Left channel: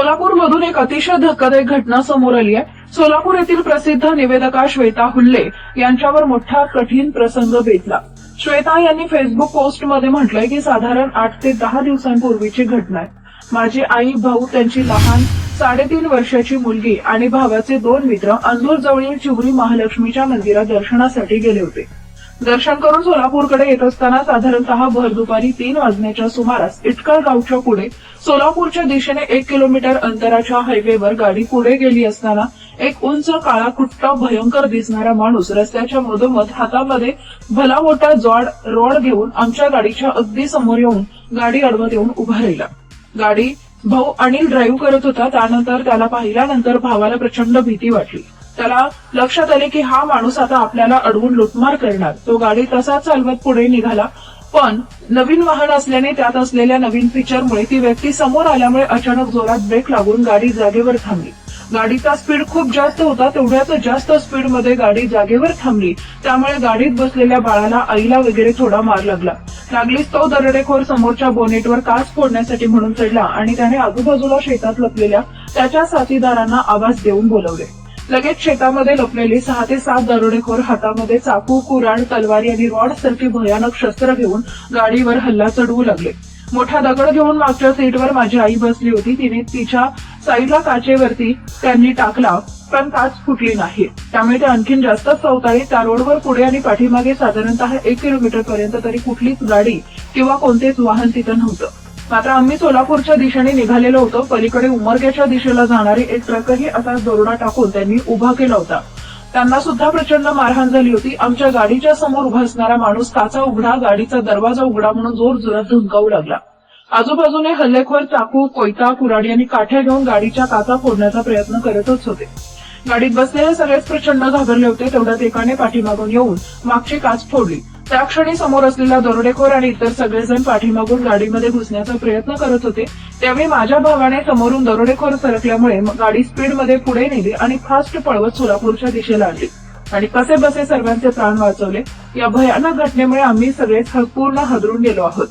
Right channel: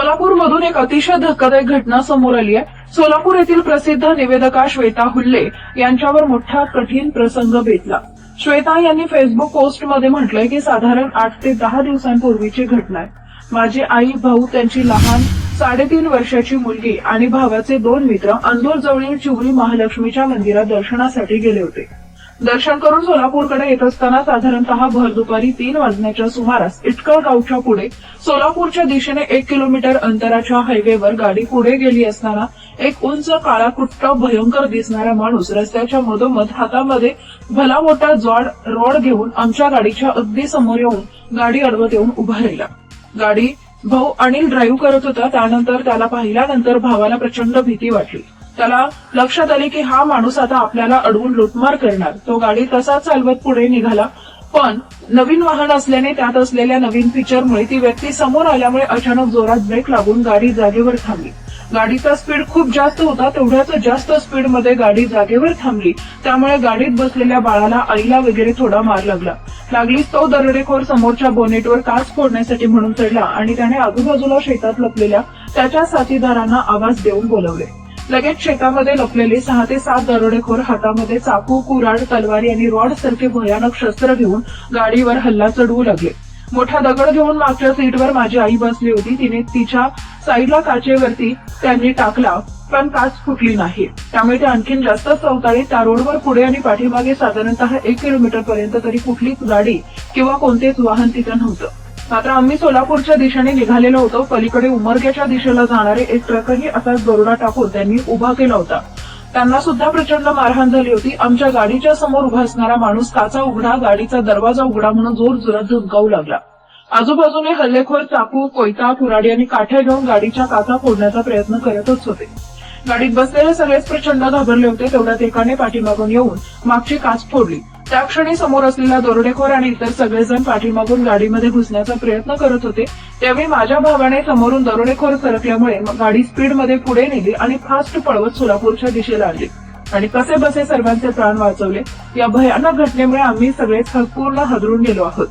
सोलापूरमधून एक अतिशय धक्कादायक घटना समोर आली आहे। सोलापूर येथील प्रसिद्ध निवेदका श्वेता हुल्ले यांच्यावर मोठा कठीण प्रसंग बेतला। श्वेता यांनी फेसबुक पोस्टमध्ये म्हटलंय की साधारण 8 ते 10 दिवसांपूर्वीची घटना आहे। माझे आई, भाऊ, त्यांची लहान 3.5 वर्षाची मुलगी आणि भावाचे 2 मित्र अंदूरजवळील चिवरी महालक्ष्मीच्या मंदिरात दर्शनासाठी गेले होते। दर्शन करून सोलापूरकडे येत असताना साधारणतः भर दुपारी 3 वाजण्याच्या सुमारास इटकळ गावच्या पुढे सोलापूरच्या दिशेने 1 किलोमीटर अंतराच्या हायवेवर गाडी पुढे गेली असताना एक उंच काळा कुट्टा भयंकर दिसणारा माणूस रस्त्याच्या मधोमध हातामध्ये भला मोठा जाड रॉड घेऊन आमच्या गाडीच्या अगदी समोर येऊन गाडी अडवत येऊन उभा राहिला। गाडी भाऊ अनिल ड्राईव्ह करत होता। त्यानंतर त्याला पाहिल्यानंतर भावाला प्रचंड भीती वाटली। त्याला लक्षात आले की हा माणूस आता आपल्याला अडवून लुटमार करणार। तो गाडी तसाच चालवत पुढे निघाला, पण नवीन वाहन असल्याने त्यात असलेल्या नवीन फीचरमुळे ती व्यक्ती समोर आल्यामुळे अचानक जोरात ब्रेक लागून गाडी जागेवर थांबली। गाडीचा स्पीड खूप जास्त होता, तेवढ्याच जास्त स्पीडमध्ये गाडी जागेवर थांबली। त्यामुळे गाडीत बसलेल्या बाळाला, आईला वगैरे थोडा मार लागलीच तो दरोडेखोर समोरच्या बोनेटवर काच फोडण्यासाठी म्हणून चढला आणि त्याने आजूबाजूला शेतात लपलेल्या त्याच्या साथीदारांना आवाज देऊन बोलवले। लगेच शेतामध्ये लपलेले 6 ते 7 दरोडेखोर हातामध्ये चाकू, कुऱ्हाड, तलवारी आणि रॉड सारखे भयानक शस्त्र घेऊन गाडीवर हल्ला चढवू लागले। मोठा दगड घेऊन मागच्या सीटवर माझी आई बसली होती। तिने तिच्या साईडला काचेवरती त्यांनी टाकला, पण काच फुटली नाही। त्यामुळे ते आणखीन जास्त चवताळी त्या रोडवर पुढे आणि पाठीमागे साधारणतः 1 किलोमीटर पर्यंत तरी कुठलीच गाडी किंवा कोणतेच वाहन तिथं नव्हतं। मात्र आम्ही सोलापूरच्या दिशेने निघालेलो होतो। पलीकडे उमरग्याच्या दिशेला जाणारी एक ट्रकही असाच दरोडा टाकून त्यांनी उभा केला होता। त्यांना सुद्धा प्रचंड मारहाण झाली होती। आमच्या गाडीच्या समोर उभा असणारा माणूस काचा उघडा, गाडीचा दरवाजा उघडा म्हणून जोर जोरात धुमकावू लागला। आजूबाजूने हल्लेखोर चाकू, कोयता, कुऱ्हाडी आणि काठ्या घेऊन गाडीच्या काचा फोडण्याचा प्रयत्न करतच होते। गाडीत बसलेले सगळेच प्रचंड घाबरले होते। तेवढ्यात एकाने पाठीमागून येऊन मागची काच फोडली। त्या क्षणी समोर असलेला दरोडेखोर आणि इतर सगळेजण पाठीमागून गाडीमध्ये घुसण्याचा प्रयत्न करत होते। त्यावेळी माझ्या भावाने समोरून दरोडेखोर सरकल्यामुळे गाडी स्पीडमध्ये पुढे नेली आणि फास्ट पळवत सोलापूरच्या दिशेला आली आणि कसे बसे सर्वांचे प्राण वाचवले। या भयानक घटनेमुळे आम्ही सगळेच पूर्ण हादरून गेलो आहोत।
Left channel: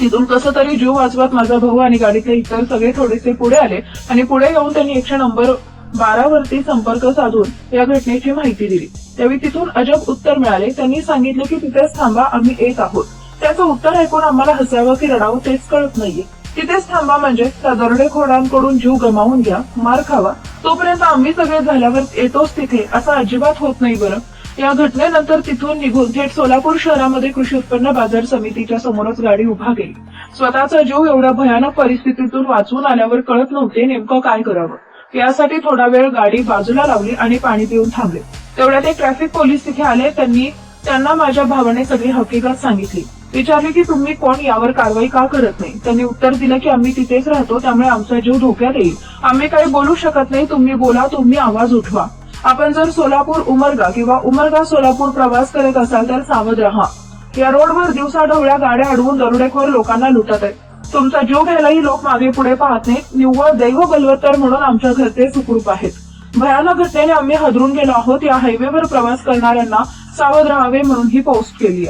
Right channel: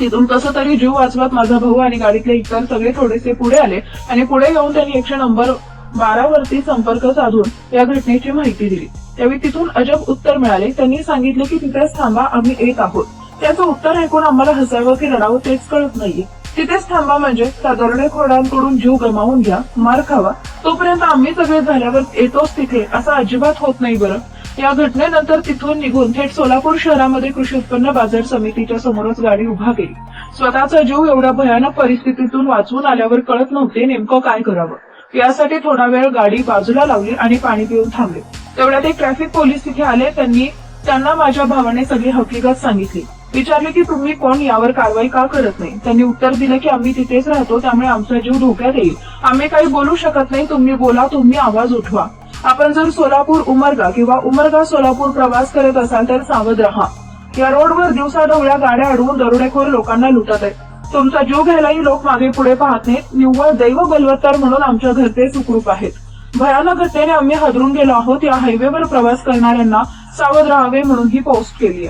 तिथून कसं तरी जीव वाचवत माझा भाऊ आणि गाडीतले इतर सगळे थोडेसे पुढे आले आणि पुढे येऊन त्यांनी 112 वरती संपर्क साधून या घटनेची माहिती दिली। त्यावेळी तिथून अजब उत्तर मिळाले। त्यांनी सांगितले की तिथेच थांबा, आम्ही येत आहोत। त्याचं उत्तर ऐकून आम्हाला हसावं की रडावं तेच कळत नाहीये। तिथेच थांबा म्हणजे त्या दरोडेखोरांकडून जीव गमावून घ्या, मार खावा, तोपर्यंत आम्ही सगळे झाल्यावर येतोच तिथे असं अजिबात होत नाही बरं। या घटनेनंतर तिथून निघून थेट सोलापूर शहरामध्ये कृषी उत्पन्न बाजार समितीच्या समोरच गाडी उभा केली। स्वतःचा जीव एवढ्या भयानक परिस्थितीतून वाचवून आल्यावर कळत नव्हते नेमकं काय करावं। यासाठी थोडा वेळ गाडी बाजूला लावली आणि पाणी पिऊन थांबले। तेवढ्यात एक ट्रॅफिक पोलीस तिथे आले। त्यांना माझ्या भावाने सगळी हकीकत सांगितली। विचारले की तुम्ही कोण, यावर कारवाई का करत नाही। त्यांनी उत्तर दिलं की आम्ही तिथेच राहतो, त्यामुळे आमचा जीव धोक्यात येईल। आम्ही काही बोलू शकत नाही, तुम्ही बोला, तुम्ही आवाज उठवा। आपण जर सोलापूर उमरगा किंवा उमरगा सोलापूर प्रवास करत असाल तर सावध राहा। या रोडवर दिवसाढवळ्या गाड्या अडवून दरोडेखोर लोकांना लुटत आहेत। तुमचा जीव घ्यायलाही लोक मागे पुढे पाहत नाहीत। निव्वळ दैव बलवत्तर म्हणून आमच्या घरचे सुखरूप आहेत। भयानक घटनेने आम्ही हादरून गेलो आहोत। या हायवेवर प्रवास करणाऱ्यांना सावध राहावे म्हणून ही पोस्ट केली आहे।